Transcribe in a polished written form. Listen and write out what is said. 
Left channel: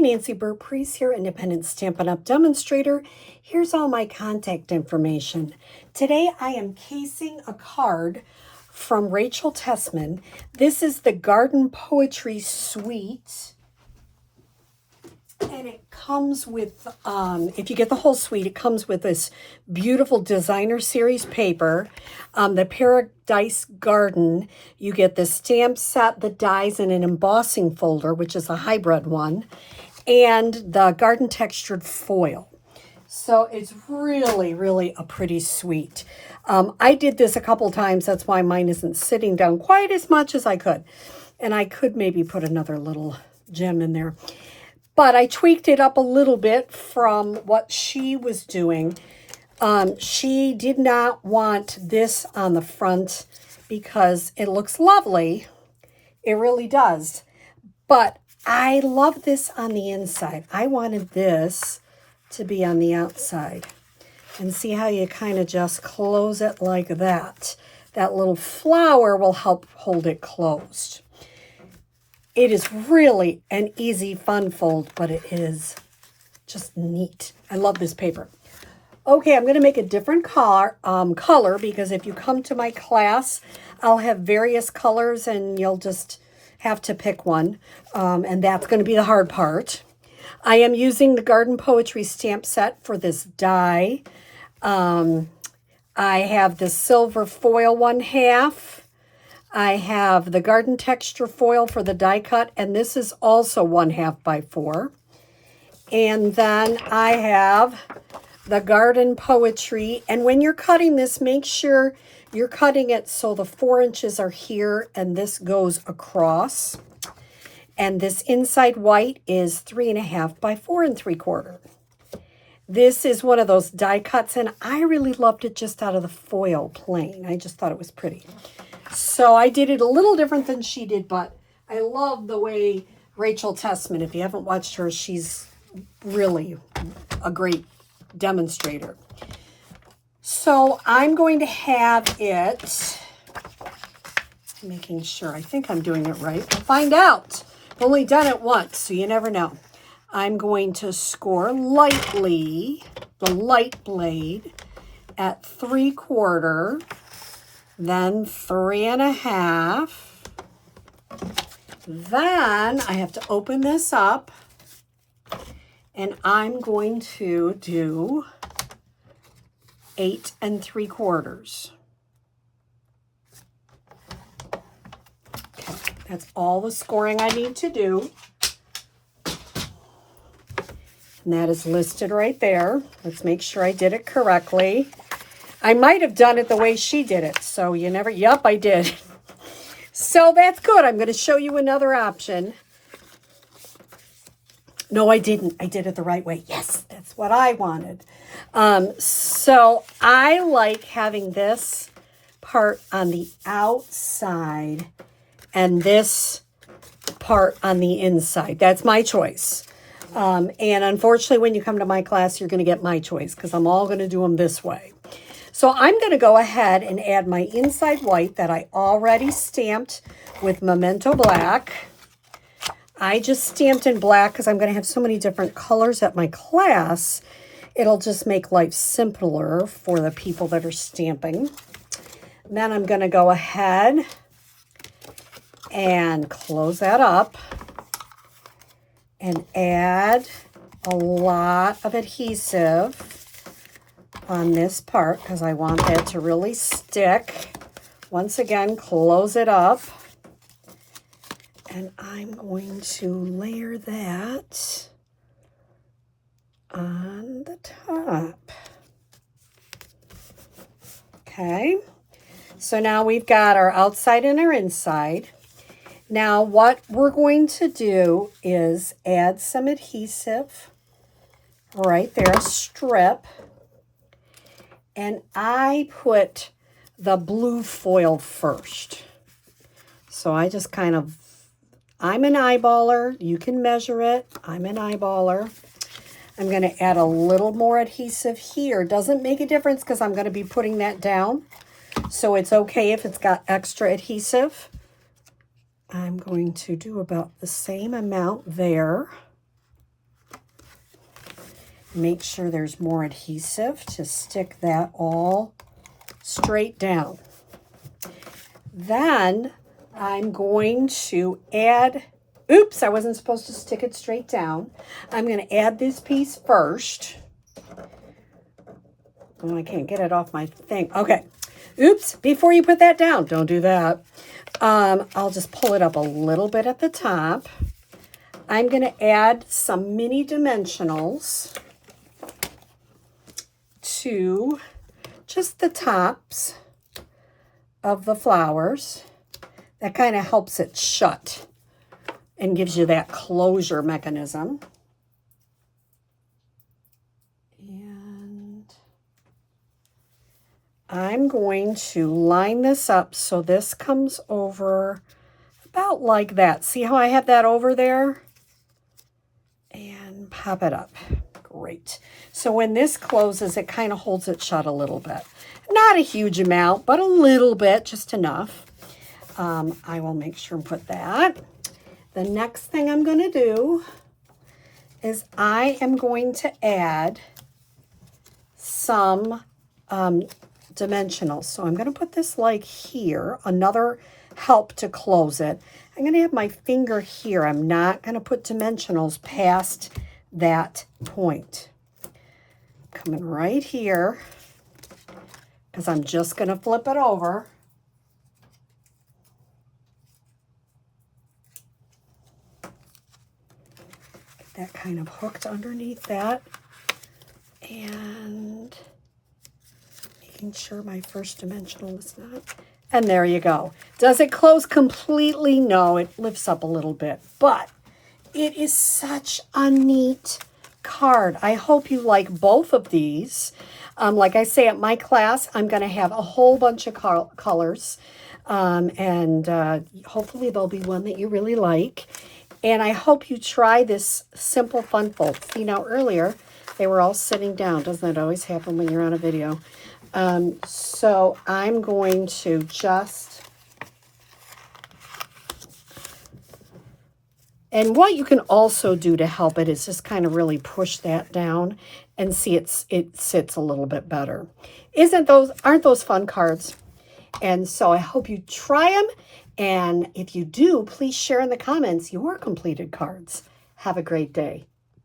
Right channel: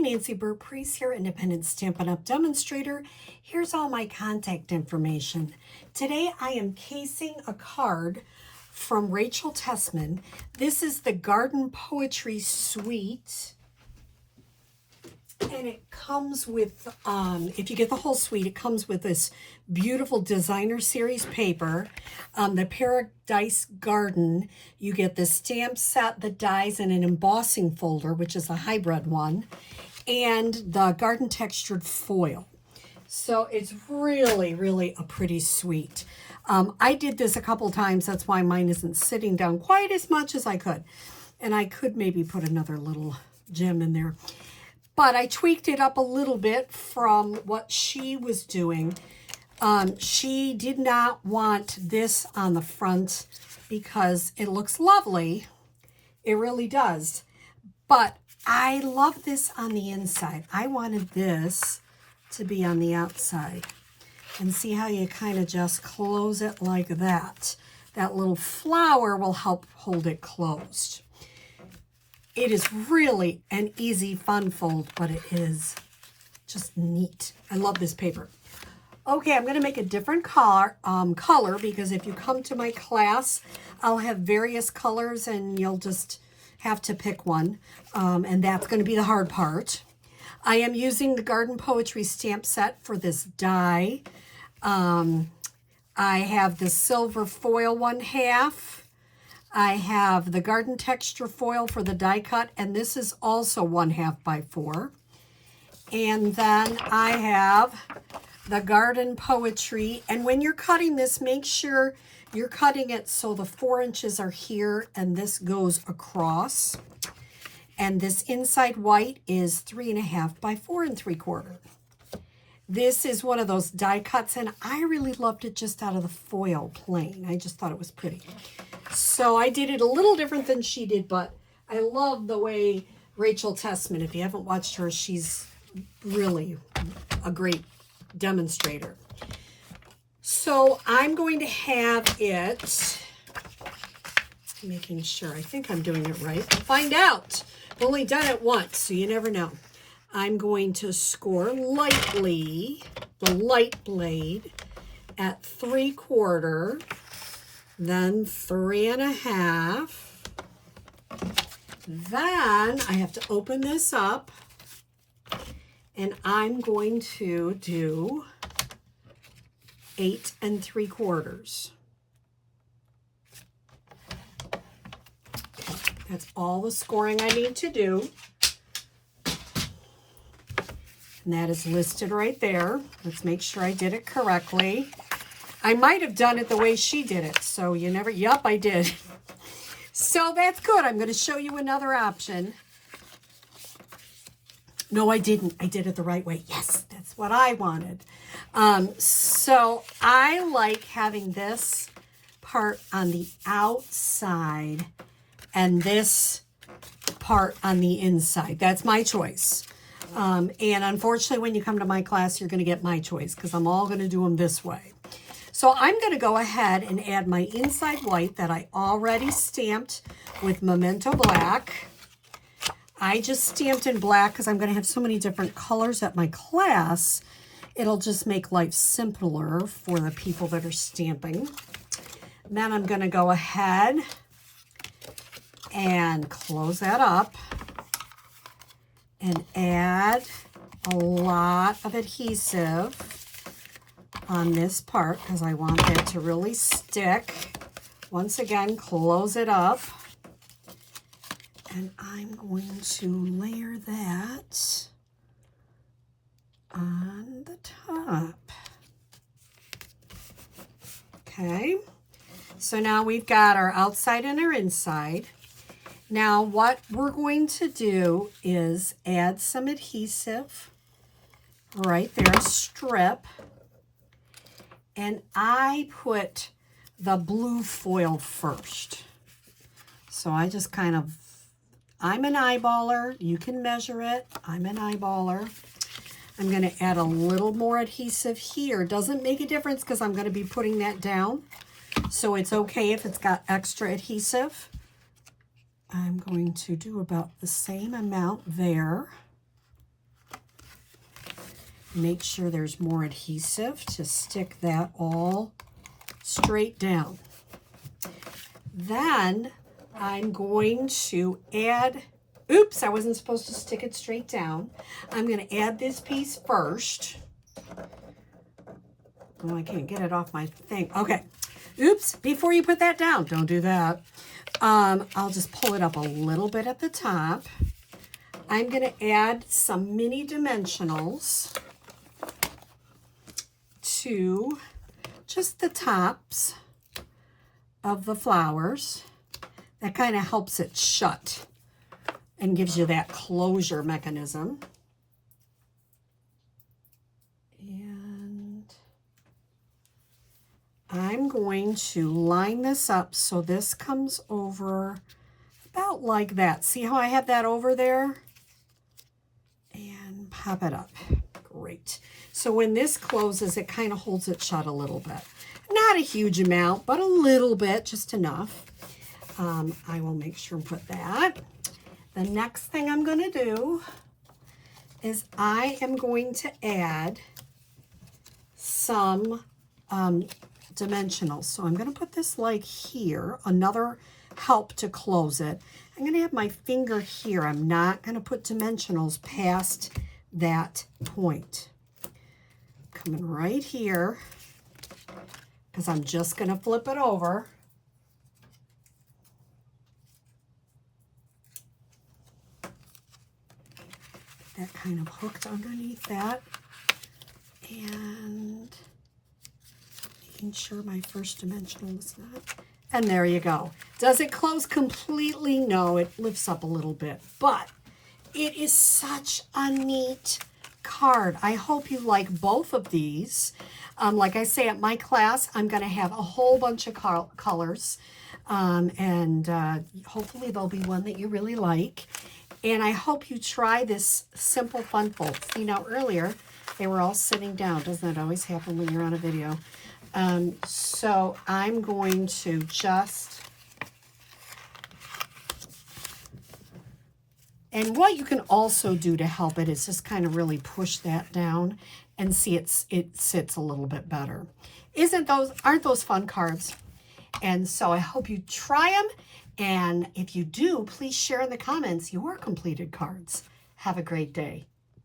Nancy Burt-Preece here, Independent Stampin' Up! Demonstrator. Here's all my contact information. Today I am casing a card from Rachel Tessman. This is the Garden Poetry Suite. And it comes with, if you get the whole suite, it comes with this beautiful designer series paper, the Paradise Garden. You get the stamp set, the dies, and an embossing folder, which is a hybrid one, and the garden textured foil. So it's really, really a pretty suite. I did this a couple times. That's why mine isn't sitting down quite as much as I could. And I could maybe put another little gem in there. But I tweaked it up a little bit from what she was doing. She did not want this on the front because it looks lovely. It really does. But I love this on the inside. I wanted this to be on the outside. And see how you kind of just close it like that. That little flower will help hold it closed. It is really an easy, fun fold, but it is just neat. I love this paper. Okay, I'm going to make a different color because if you come to my class, I'll have various colors and you'll just have to pick one. And that's going to be the hard part. I am using the Garden Poetry stamp set for this die. I have the silver foil 1/2. I have the garden texture foil for the die cut, and this is also 1/2 by 4. And then I have the garden poetry. And when you're cutting this, make sure you're cutting it so the 4 inches are here and this goes across. And this inside white is 3.5 by 4 3/4. This is one of those die cuts, and I really loved it just out of the foil plain. I just thought it was pretty. So I did it a little different than she did, but I love the way Rachel Tessman, if you haven't watched her, she's really a great demonstrator. So I'm going to have it, making sure, I think I'm doing it right. We'll find out. I've only done it once, so you never know. I'm going to score lightly, the light blade, at 3/4, then 3.5. Then I have to open this up, and I'm going to do 8 3/4. Okay, that's all the scoring I need to do. And that is listed right there. Let's make sure I did it correctly. I might have done it the way she did it. So you never, yep, I did. So that's good. I'm going to show you another option. No, I didn't. I did it the right way. Yes, that's what I wanted. So I like having this part on the outside and this part on the inside. That's my choice. And unfortunately, when you come to my class, you're going to get my choice because I'm all going to do them this way. So I'm going to go ahead and add my inside white that I already stamped with Memento Black. I just stamped in black because I'm going to have so many different colors at my class. It'll just make life simpler for the people that are stamping. And then I'm going to go ahead and close that up and add a lot of adhesive on this part because I want that to really stick. Once again, close it up. And I'm going to layer that on the top. Okay, so now we've got our outside and our inside. Now what we're going to do is add some adhesive right there, a strip. And I put the blue foil first. So I just kind of, I'm an eyeballer. You can measure it. I'm an eyeballer. I'm going to add a little more adhesive here. Doesn't make a difference because I'm going to be putting that down. So it's okay if it's got extra adhesive. I'm going to do about the same amount there. Make sure there's more adhesive to stick that all straight down. Then I'm going to add, oops, I wasn't supposed to stick it straight down. I'm going to add this piece first. Oh, I can't get it off my thing. Okay. Oops, before you put that down, don't do that. I'll just pull it up a little bit at the top. I'm going to add some mini dimensionals to just the tops of the flowers. That kind of helps it shut and gives you that closure mechanism. And I'm going to line this up so this comes over about like that. See how I have that over there? And pop it up. Great. So when this closes, it kind of holds it shut a little bit. Not a huge amount, but a little bit, just enough. I will make sure and put that. The next thing I'm going to do is I am going to add some dimensionals. So I'm going to put this like here, another help to close it. I'm going to have my finger here. I'm not going to put dimensionals past that point. Coming right here, because I'm just going to flip it over. Get that kind of hooked underneath that. And making sure my first dimensional is not. And there you go. Does it close completely? No, it lifts up a little bit. But it is such a neat card. I hope you like both of these. Like I say, at my class, I'm going to have a whole bunch of colors. And hopefully there'll be one that you really like. And I hope you try this simple fun fold. See, now earlier, they were all sitting down. Doesn't that always happen when you're on a video? So I'm going to just... And what you can also do to help it is just kind of really push that down and see it sits a little bit better. Aren't those fun cards? And so I hope you try them. And if you do, please share in the comments your completed cards. Have a great day.